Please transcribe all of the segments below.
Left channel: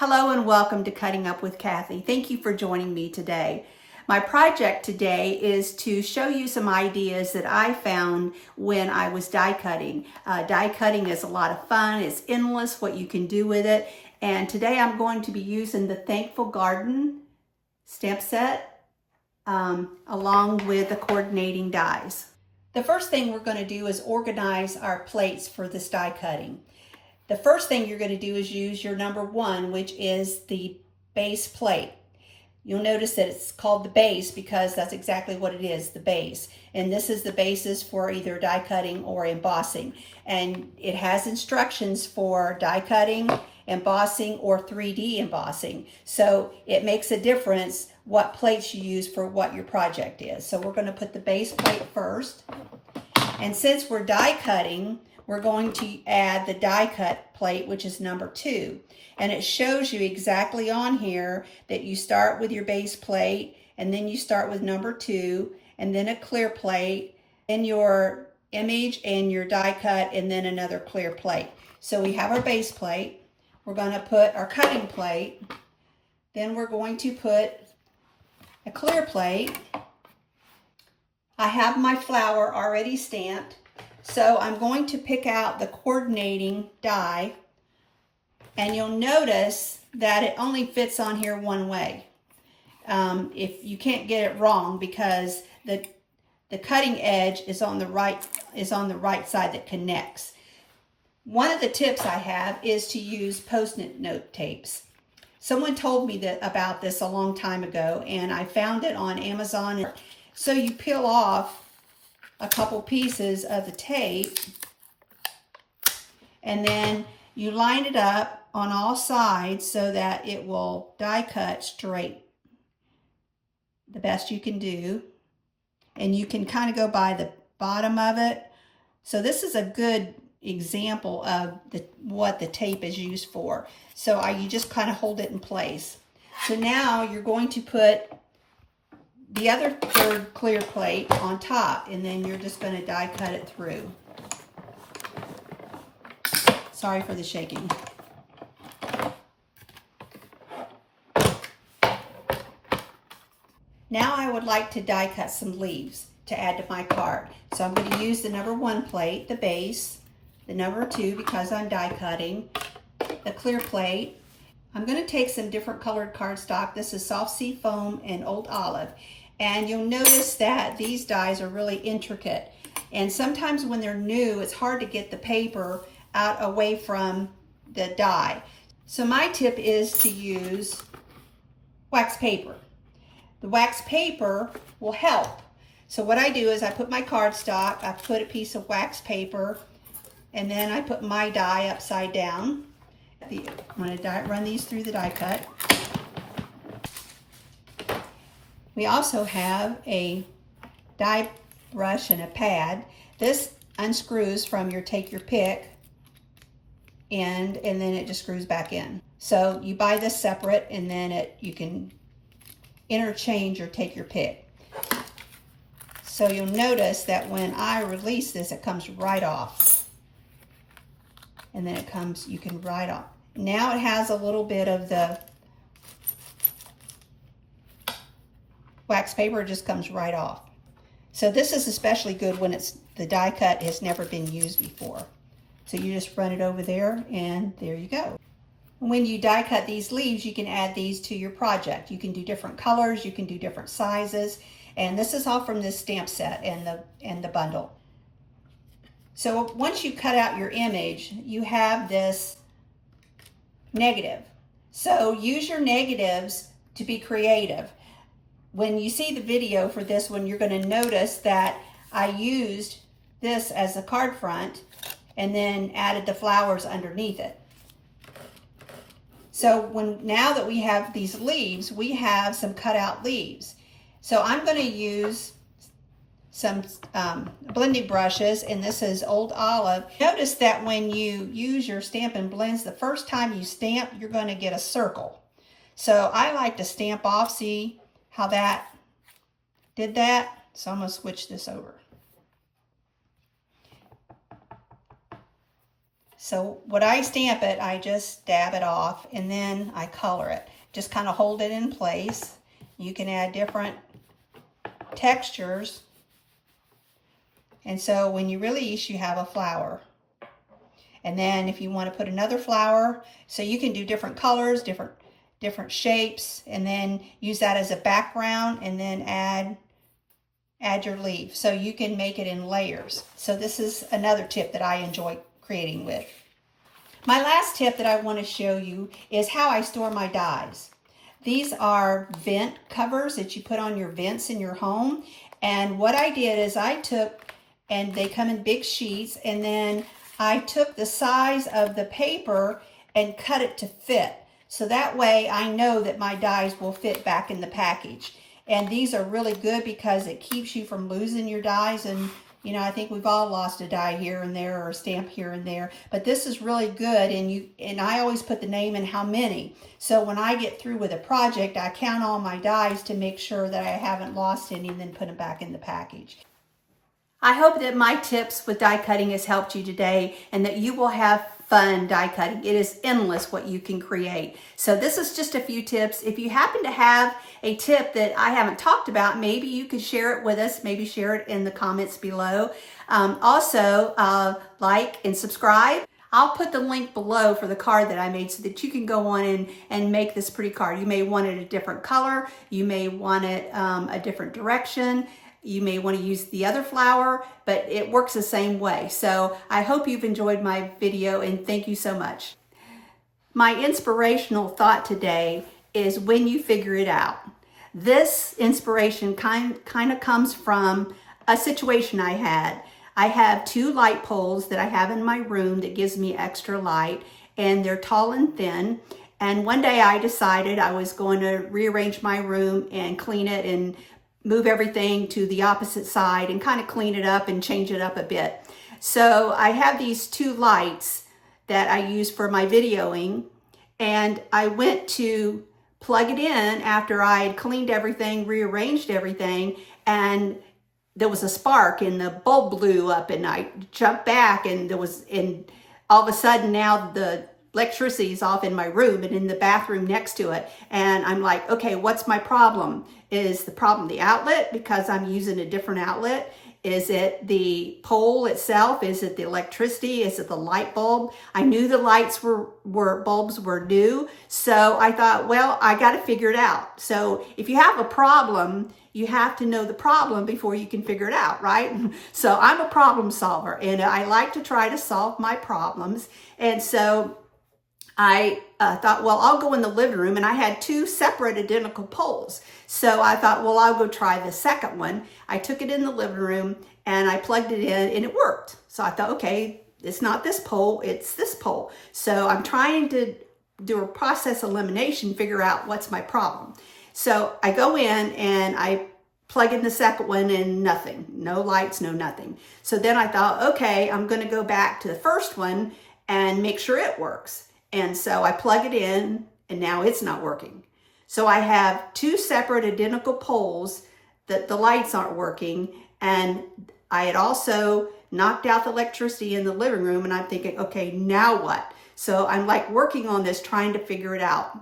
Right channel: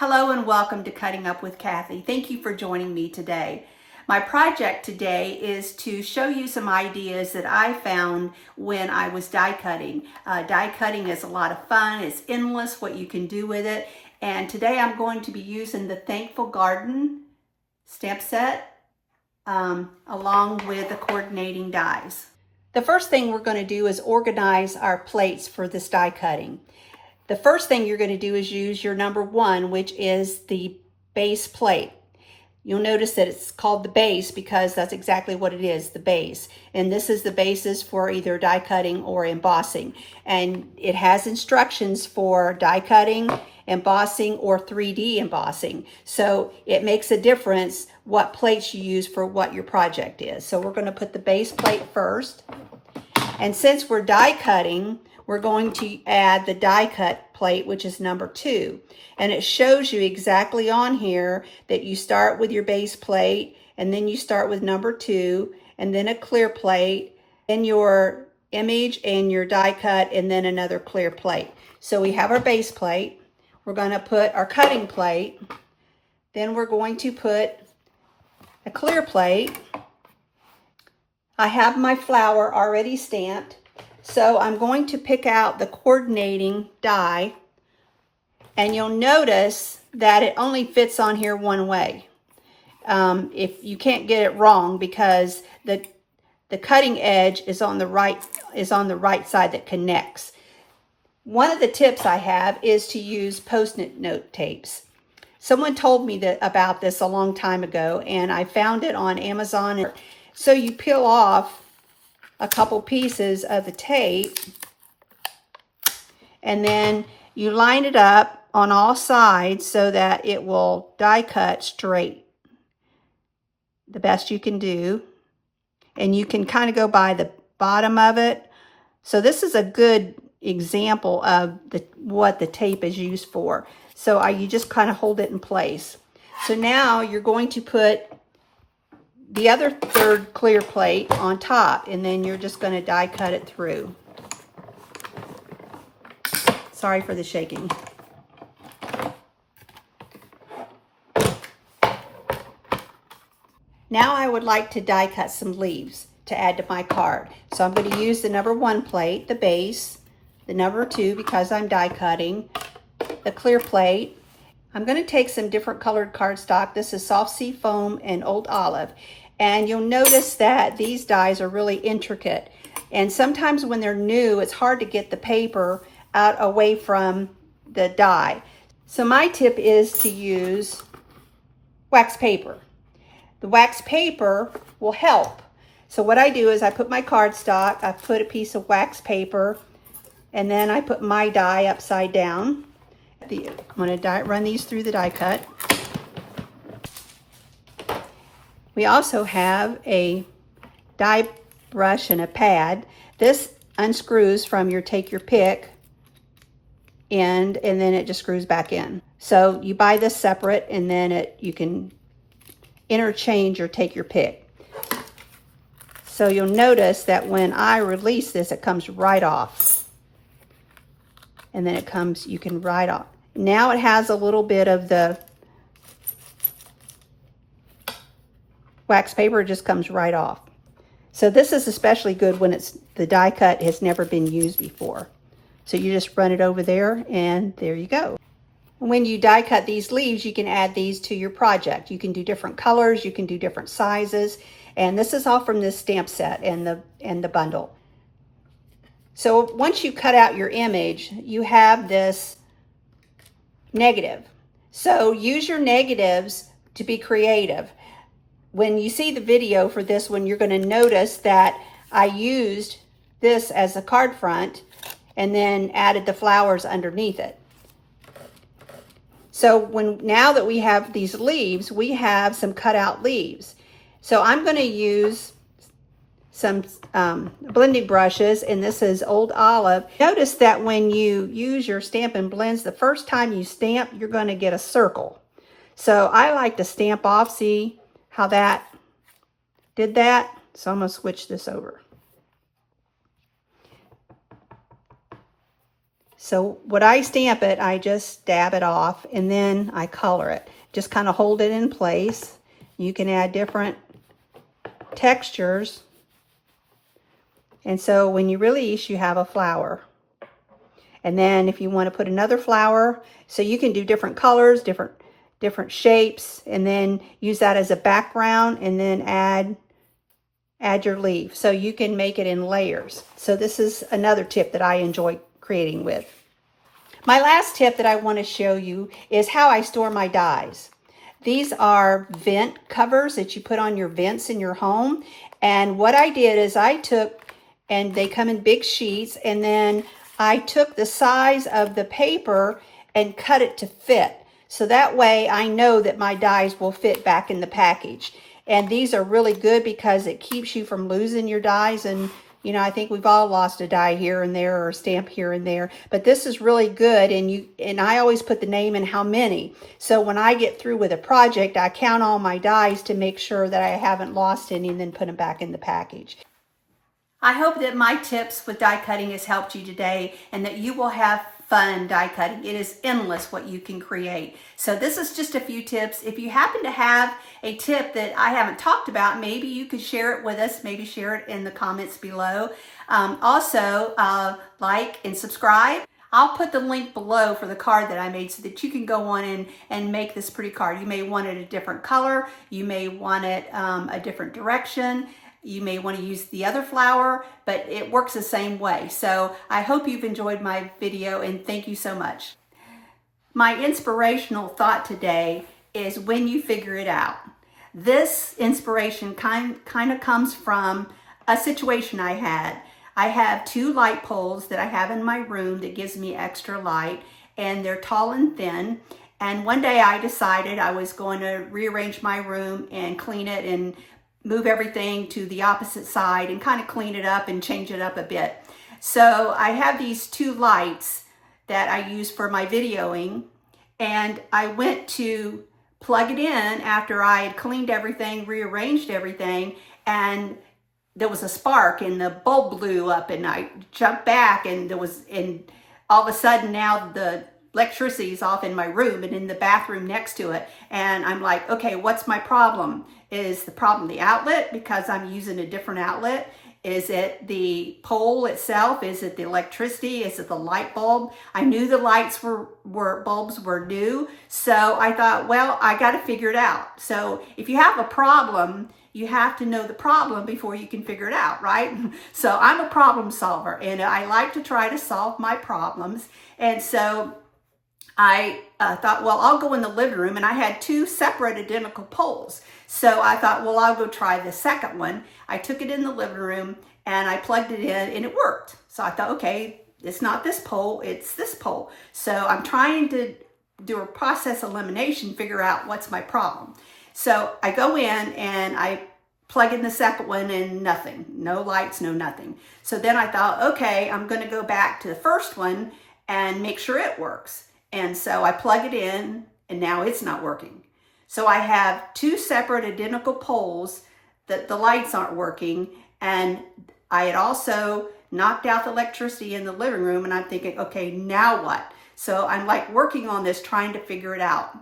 Hello and welcome to Cutting Up with Kathy. Thank you for joining me today. My project today is to show you some ideas that I found when I was die cutting. Die cutting is a lot of fun. It's endless what you can do with it. And today I'm going to be using the Thankful Garden stamp set along with the coordinating dies. The first thing we're going to do is organize our plates for this die cutting. The first thing you're going to do is use your number 1, which is the base plate. You'll notice that it's called the base because that's exactly what it is, the base. And this is the basis for either die cutting or embossing. And it has instructions for die cutting, embossing, or 3D embossing. So it makes a difference what plates you use for what your project is. So we're going to put the base plate first. And since we're die cutting, we're going to add the die cut plate, which is number 2. And it shows you exactly on here that you start with your base plate, and then you start with number 2, and then a clear plate, then your image and your die cut, and then another clear plate. So we have our base plate. We're going to put our cutting plate. Then we're going to put a clear plate. I have my flower already stamped. So I'm going to pick out the coordinating die, and you'll notice that it only fits on here one way. If you can't get it wrong, because the cutting edge is on the right side that connects. One of the tips I have is to use Post-it note tapes. Someone told me about this a long time ago, and I found it on Amazon. So you peel off a couple pieces of the tape, and then you line it up on all sides so that it will die cut straight the best you can do. And you can kind of go by the bottom of it. So this is a good example of what the tape is used for. So you just kind of hold it in place. So now you're going to put the other third clear plate on top, and then you're just going to die cut it through. Sorry for the shaking. Now I would like to die cut some leaves to add to my card. So I'm going to use the number 1 plate, the base, the number 2 because I'm die cutting, the clear plate. I'm going to take some different colored cardstock. This is Soft Sea Foam and Old Olive. And you'll notice that these dies are really intricate. And sometimes when they're new, it's hard to get the paper out away from the die. So my tip is to use wax paper. The wax paper will help. So what I do is I put my cardstock, I put a piece of wax paper, and then I put my die upside down. I'm going to run these through the die cut. We also have a die brush and a pad. This unscrews from your take your pick end, and then it just screws back in. So you buy this separate, and then you can interchange or take your pick. So you'll notice that when I release this, it comes right off. And then you can right off. Now it has a little bit of the wax paper, just comes right off. So this is especially good when the die cut has never been used before. So you just run it over there, and there you go. When you die cut these leaves, you can add these to your project. You can do different colors, you can do different sizes, and this is all from this stamp set and the bundle. So once you cut out your image, you have this negative. So use your negatives to be creative. When you see the video for this one, you're going to notice that I used this as a card front and then added the flowers underneath it. So now that we have these leaves, we have some cutout leaves. So I'm going to use some blending brushes, and this is Old Olive. Notice that when you use your Stampin' Blends, the first time you stamp, you're going to get a circle. So I like to stamp off, see how that did that? So I'm going to switch this over. So when I stamp it, I just dab it off and then I color it. Just kind of hold it in place. You can add different textures. And so when you release, you have a flower. And then if you want to put another flower, so you can do different colors, different shapes, and then use that as a background and then add your leaf. So you can make it in layers. So this is another tip that I enjoy creating with. My last tip that I want to show you is how I store my dies. These are vent covers that you put on your vents in your home. And what I did is I took, and they come in big sheets, and then I took the size of the paper and cut it to fit. So that way I know that my dies will fit back in the package. And these are really good because it keeps you from losing your dies. And, you know, I think we've all lost a die here and there or a stamp here and there. But this is really good. And I always put the name and how many. So when I get through with a project, I count all my dies to make sure that I haven't lost any and then put them back in the package. I hope that my tips with die cutting has helped you today and that you will have fun die cutting. It is endless what you can create. So this is just a few tips. If you happen to have a tip that I haven't talked about, maybe you could share it with us. Maybe share it in the comments below. Also, like and subscribe. I'll put the link below for the card that I made so that you can go on and make this pretty card. You may want it a different color. You may want it a different direction. You may want to use the other flower, but it works the same way. So I hope you've enjoyed my video and thank you so much. My inspirational thought today is when you figure it out. This inspiration kind of comes from a situation I had. I have 2 light poles that I have in my room that gives me extra light, and they're tall and thin. And one day I decided I was going to rearrange my room and clean it and move everything to the opposite side and kind of clean it up and change it up a bit. So I have these 2 lights that I use for my videoing, and I went to plug it in after I had cleaned everything, rearranged everything, and there was a spark and the bulb blew up, and I jumped back and all of a sudden now the electricity is off in my room and in the bathroom next to it. And I'm like, okay, what's my problem? Is the problem the outlet because I'm using a different outlet? Is it the pole itself? Is it the electricity? Is it the light bulb? I knew the lights bulbs were new. So I thought, well, I got to figure it out. So if you have a problem, you have to know the problem before you can figure it out, right? So I'm a problem solver and I like to try to solve my problems. And so I thought, well, I'll go in the living room, and I had 2 separate identical poles. So I thought, well, I'll go try the second one. I took it in the living room and I plugged it in and it worked. So I thought, okay, it's not this pole, it's this pole. So I'm trying to do a process elimination, figure out what's my problem. So I go in and I plug in the second one and nothing, no lights, no nothing. So then I thought, okay, I'm going to go back to the first one and make sure it works. And so I plug it in and now it's not working. So I have 2 separate identical poles that the lights aren't working. And I had also knocked out the electricity in the living room, and I'm thinking, okay, now what? So I'm like working on this, trying to figure it out.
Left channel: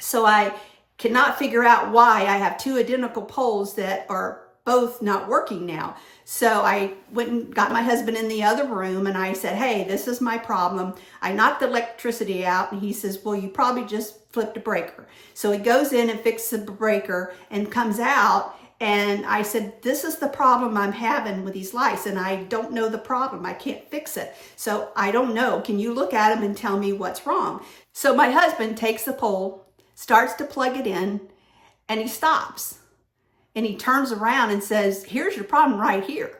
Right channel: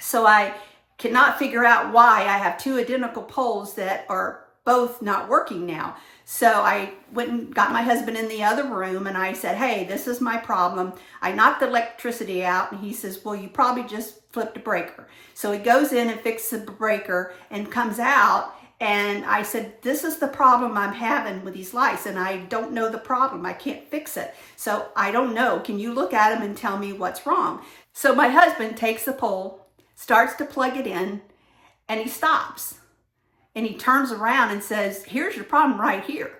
So I cannot figure out why I have 2 identical poles that are both not working now. So I went and got my husband in the other room and I said, hey, this is my problem. I knocked the electricity out, and he says, well, you probably just flipped a breaker. So he goes in and fixes the breaker and comes out. And I said, this is the problem I'm having with these lights, and I don't know the problem. I can't fix it. So I don't know. Can you look at them and tell me what's wrong? So my husband takes the pole, starts to plug it in, and he stops. And he turns around and says, here's your problem right here.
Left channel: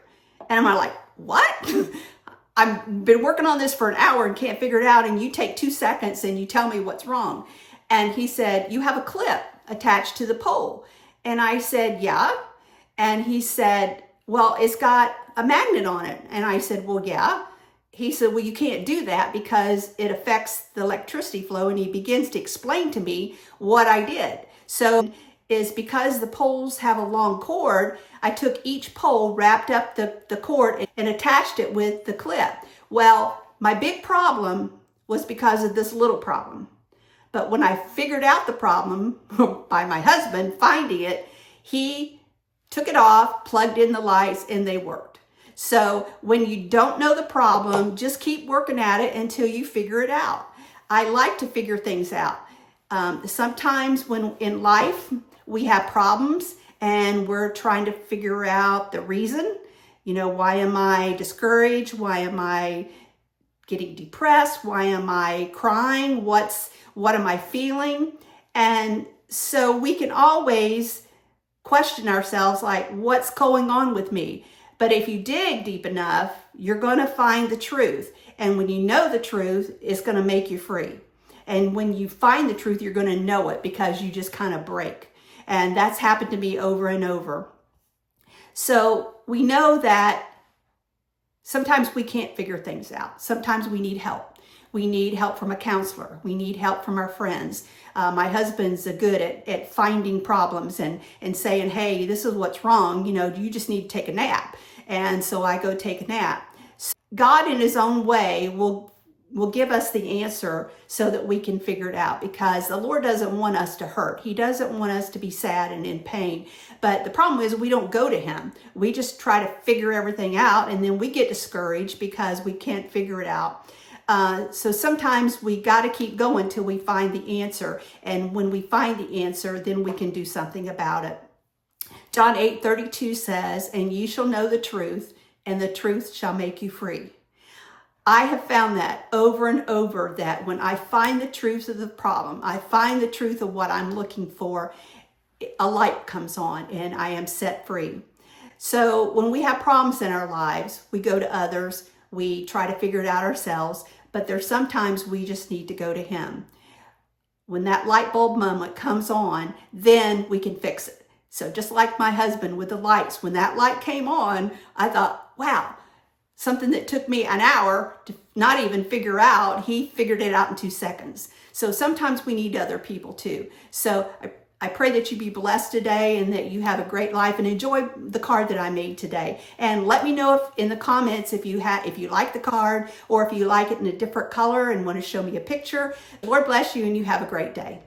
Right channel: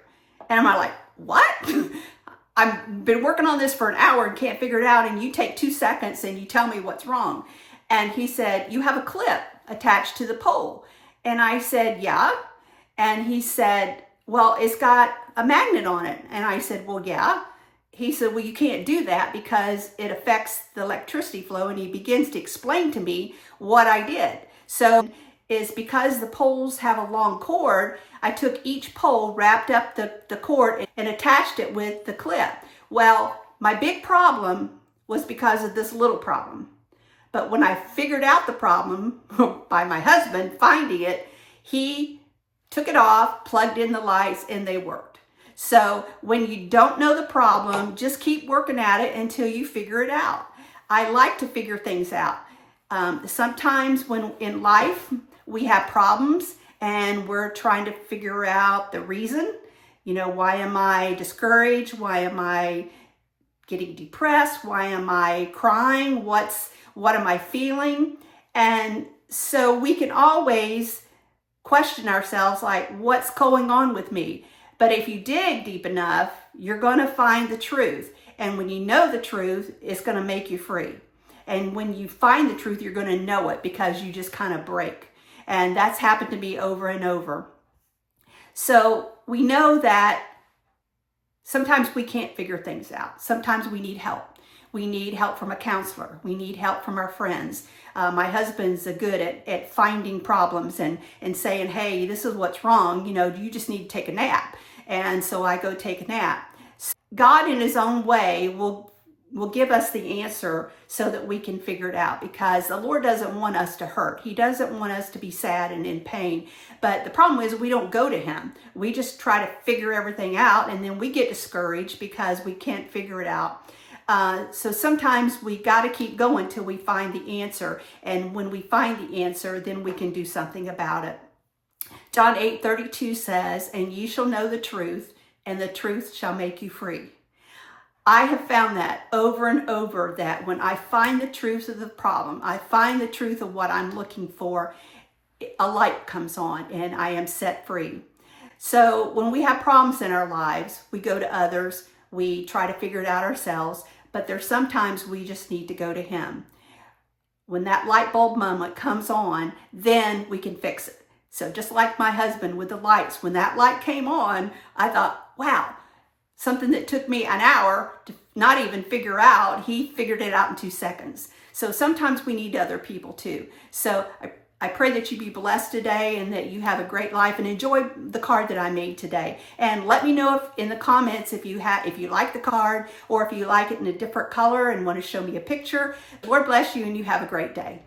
And I'm like, what? I've been working on this for an hour and can't figure it out, and you take 2 seconds and you tell me what's wrong. And he said, you have a clip attached to the pole. And I said, yeah. And he said, well, it's got a magnet on it. And I said, well, yeah. He said, well, you can't do that because it affects the electricity flow. And he begins to explain to me what I did. So is because the poles have a long cord, I took each pole, wrapped up the cord, and attached it with the clip. Well, my big problem was because of this little problem. But when I figured out the problem by my husband finding it, he took it off, plugged in the lights, and they worked. So when you don't know the problem, just keep working at it until you figure it out. I like to figure things out. Sometimes when in life we have problems and we're trying to figure out the reason, why am I discouraged? Why am I getting depressed? Why am I crying? What am I feeling? And so we can always question ourselves, like, what's going on with me? But if you dig deep enough, you're going to find the truth. And when you know the truth, it's going to make you free. And when you find the truth, you're going to know it because you just kind of break. And that's happened to me over and over. So we know that sometimes we can't figure things out. Sometimes we need help. We need help from a counselor. We need help from our friends. My husband's good at finding problems and saying, hey, this is what's wrong. You just need to take a nap. And so I go take a nap. God in his own way will give us the answer so that we can figure it out, because the Lord doesn't want us to hurt. He doesn't want us to be sad and in pain. But the problem is we don't go to him. We just try to figure everything out, and then we get discouraged because we can't figure it out. So sometimes we got to keep going till we find the answer. And when we find the answer, then we can do something about it. John 8:32 says, and ye shall know the truth, and the truth shall make you free. I have found that over and over, that when I find the truth of the problem, I find the truth of what I'm looking for, a light comes on and I am set free. So when we have problems in our lives, we go to others, we try to figure it out ourselves, but there's sometimes we just need to go to him. When that light bulb moment comes on, then we can fix it. So just like my husband with the lights, when that light came on, I thought, wow, something that took me an hour to not even figure out, he figured it out in 2 seconds. So sometimes we need other people too. So I pray that you be blessed today and that you have a great life, and enjoy the card that I made today. And let me know in the comments if you like the card, or if you like it in a different color and want to show me a picture. Lord bless you, and you have a great day.